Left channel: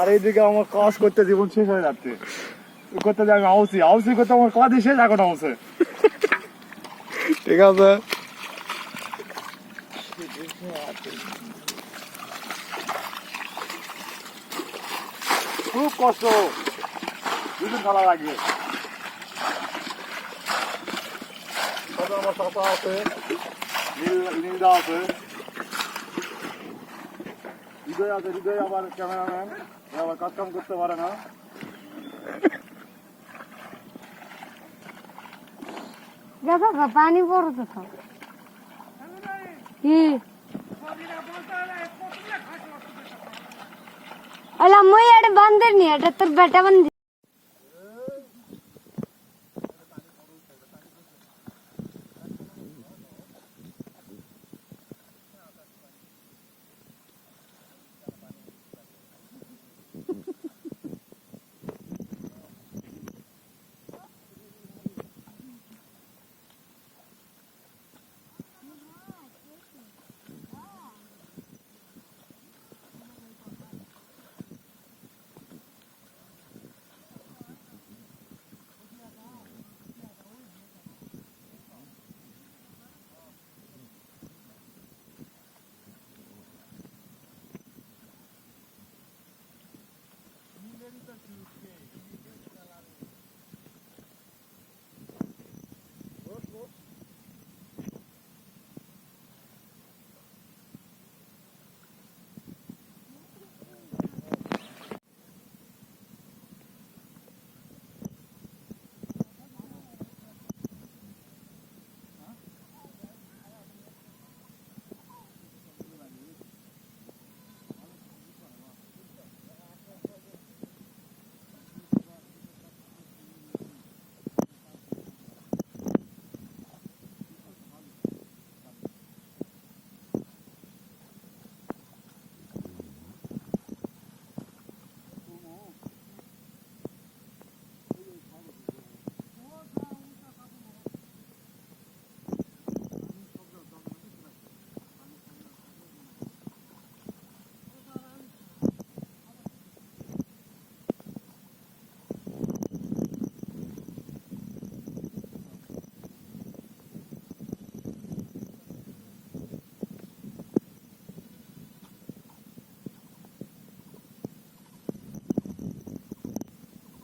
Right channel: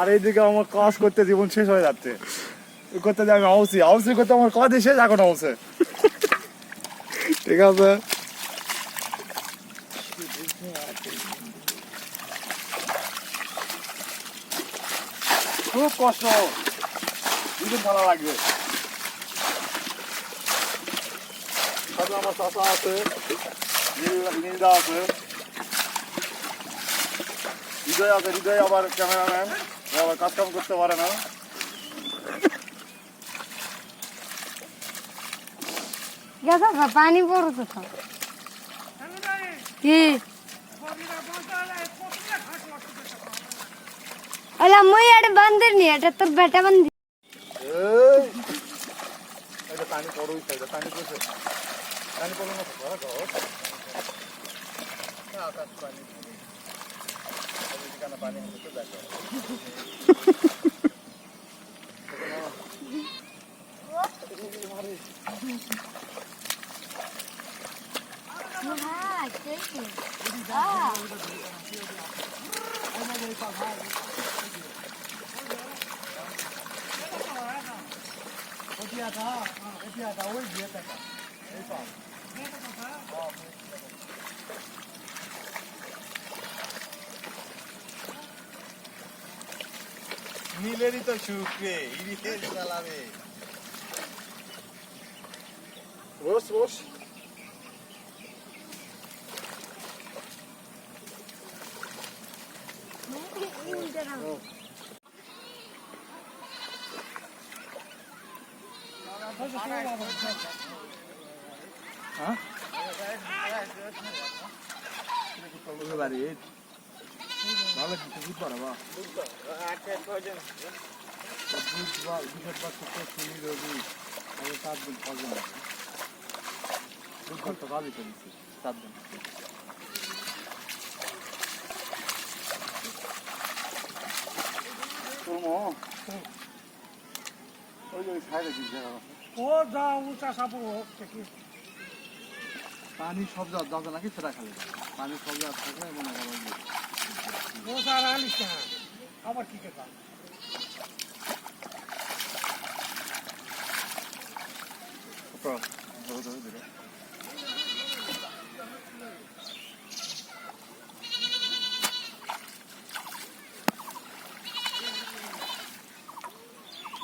আর এইদিকে আমার কাজ করতে জীবন শেষ হয়ে যাচ্ছে। করতে যাবে আউসি করতে আমার কাজই শেষ এখন আউসে। ঠিক আছে। খুব কষ্ট, দুদিন খেলা লাগবে। তবে আমার চাচা আছে, নীলদা আছে, হৃদয় আছে। হৃদয় আবার ক্যামেরাম্যান, আবার কাজ কাম করতে পারে না। পানি পড়তো তো কি अला मैं यार बंदर नहीं है तो बेटा बंदी पानी पड़ो पानी पड़े पानी पड़ो ना पानी নীলেরই তো শুকরে ইরিটের চালাবে। বস বস বাড়ি ভালো কিছু পারবা পানি সব যাবে নাকি সেটা খালি পানি সব থাকলে মনে আবার ঠিক আছে।